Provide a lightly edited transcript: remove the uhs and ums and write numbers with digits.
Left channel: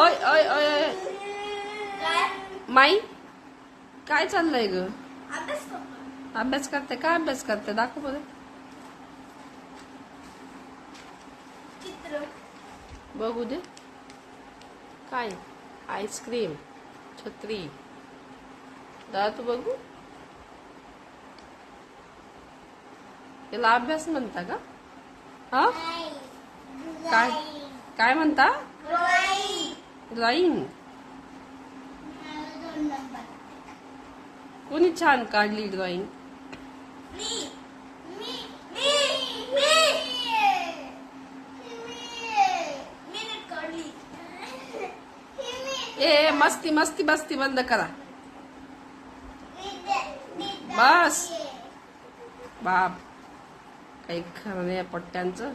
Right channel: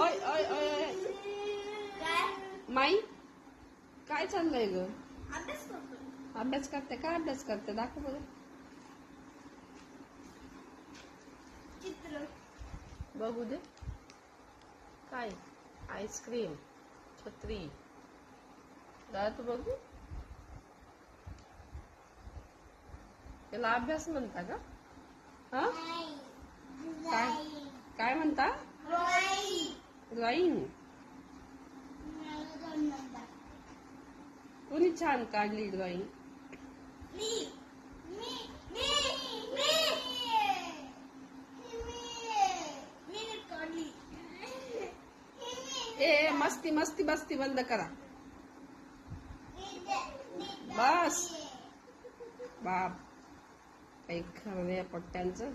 ओय ओय ओय ओय माई काय चाललंय ग? अभ्यास करते काय अभ्यास करते दाखव बरं. चित्र बघू दे. काय? आईस्क्रीम, छत्री, दात बघू. याला अभ्यास म्हणता का? हा काय काय म्हणता? ड्रॉइंग. कोणी छान काढली ड्रॉइंग? ए मस्ती मस्ती मस्ती बंद करा. बस बाप काही खरं नाही पट्ट्यांचं.